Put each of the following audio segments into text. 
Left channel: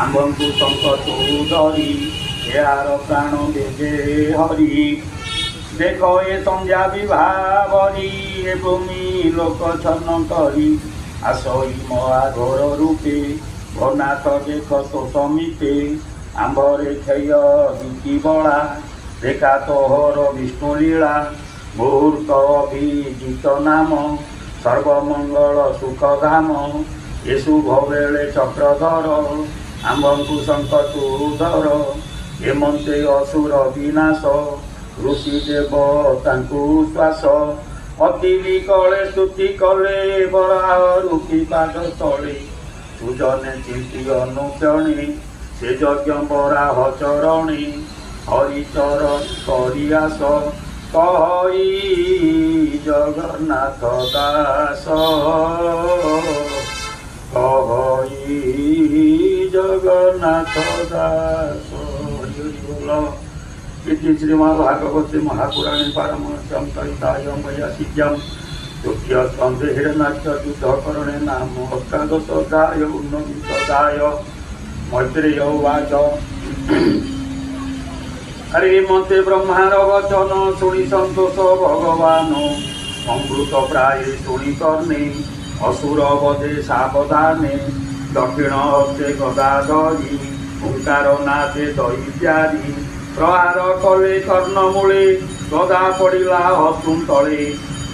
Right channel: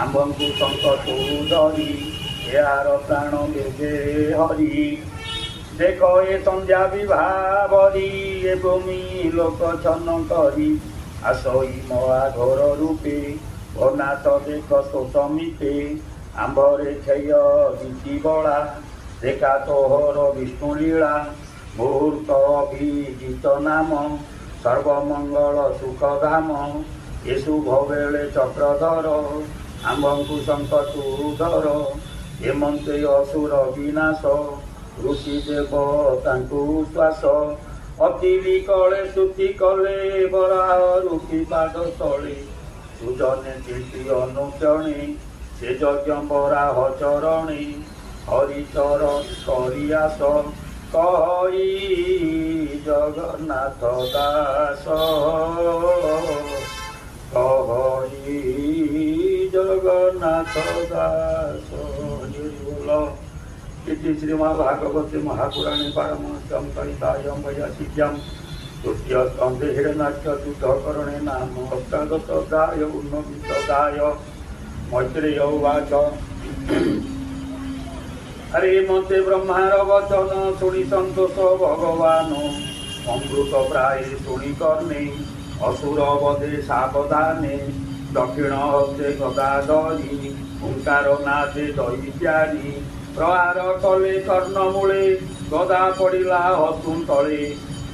ଆମ୍ଭଙ୍କୁ ସଙ୍କଟୁ ଧରି ଏହାର ପ୍ରାଣ ଦେବେ ହରି। ଦେଖ ଏ ସନ୍ଧ୍ୟା ବିଭାବରି ଏ ଭୂମି ଲୋକ ଛନ୍ନ କରି ଆସଇ ମୋ ଆଘୋର ରୂପେ ଘନାଥ ଦେଖ ତ ସମିତେ ଆମ୍ଭରେ କ୍ଷୟ ଗୀତି ବଳା ରେଖା ତୋହର ବିଷ୍ଣୁ ଲୀଳା ମୁହୂର୍ତ୍ତ ଅଭିଜିତ ନାମ ସର୍ବମଙ୍ଗଳ ସୁଖ ଧାମ ଏ ଶୁଭ ବେଳେ ଚକ୍ରଧର ଆମ୍ଭଙ୍କୁ ସଙ୍କଟୁ ଧର ଏମନ୍ତେ ଅସୁର ବିନାଶ ଋଷି ଦେବ ତାଙ୍କୁ ଶ୍ୱାସ ଅତି ବିକଳେ ସ୍ତୁତି କଲେ ବରାହ ରୁପି ପାଦ ତଳେ ସୁଜନେ ଚିନ୍ତି ଅନୁକ୍ଷଣେ ସେ ଯଜ୍ଞ ବରାହ ଚରଣେ ହରିଚର କରି ଆସ କହି ଜଗନ୍ନାଥ ଦାସ କହି ଜଗନ୍ନାଥ ଦାସ। इति श्रीमद्भागवते महापुराणे पारमहंस्यां सहितायां वैयासिक्यां तृतीय स्कन्धे हिरण्याक्ष युद्धकरणे नाम अष्टादशोऽध्याय ऊनविंशोऽध्याय। मैत्रेय उवाच हरि मते ब्रह्मार वचन शुणि सन्तोष भगवान् अमृत प्राय शुणि कर्णे असुर वधे सावधाने दक्षिण हस्ते गदा धरि ओंकार नादे दैत्यादि प्रहार कले कर्णमूले गदा पड़िला हस्तुं तले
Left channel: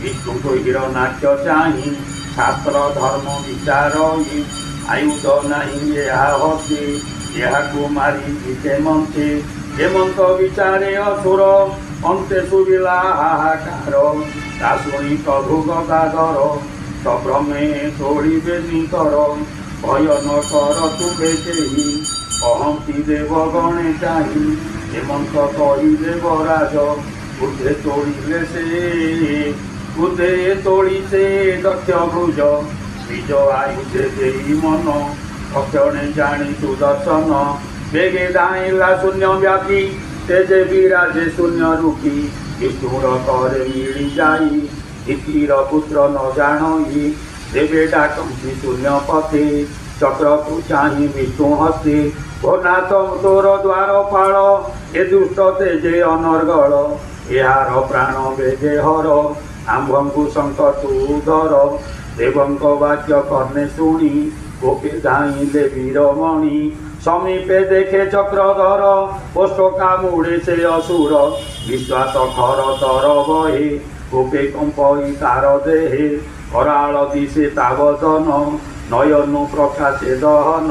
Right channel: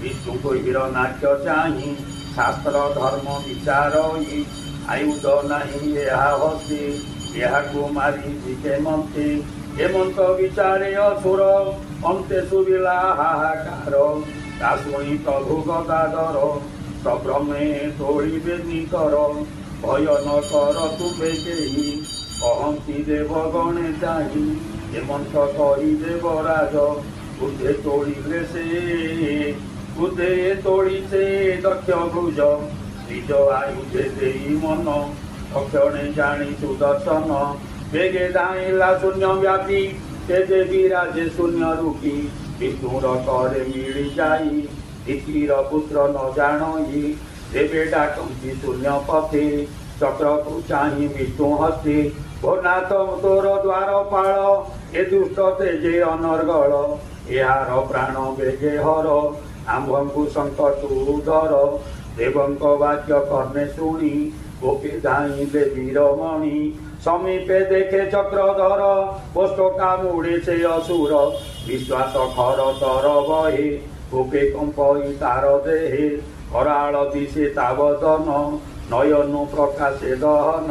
विष्णु हिरण्याक्ष चाहि शास्त्र धर्म विचार आयुध नाही हस्ते यहाकू मारी हेमंते हेमंत विचारे असुर अंते शुभिला हाहाकार ता शुणी प्रभु गदाधर सभ्रमे तोड़िबे निकर भय न कर तुमे केहि कहती देव गणे चाहि हेमंत कही देवराज बुद्धे तोड़िले से बुद्धे तोड़ी से दक्ष भुज निज आयुधे देई मन अक्षणे जानी सुदर्शन बेगे दाइला शून्य व्यापी तेजे विराजे शून्य रूपी विष्णुर करे मिली जाई दितिर पुत्र न जाणई देवे डाकंती शून्य पथे चक्र को चाहि विष्णु हस्ते भोनाथ तोर द्वार पाल ए दुष्ट तेजे अनर्गल यार प्राण बेगे हर आम्भंकु संकटु धर देवंक वाक्य कर्णे शुणी गोपे धाइले वीरमणि समीपे देखे चक्रधर पोष्टका मुड़े से असुर विश्वास खर तर बहे गोपे कंपई तार देहे कराल दिशे तावदन नयनु प्रकाशे दहन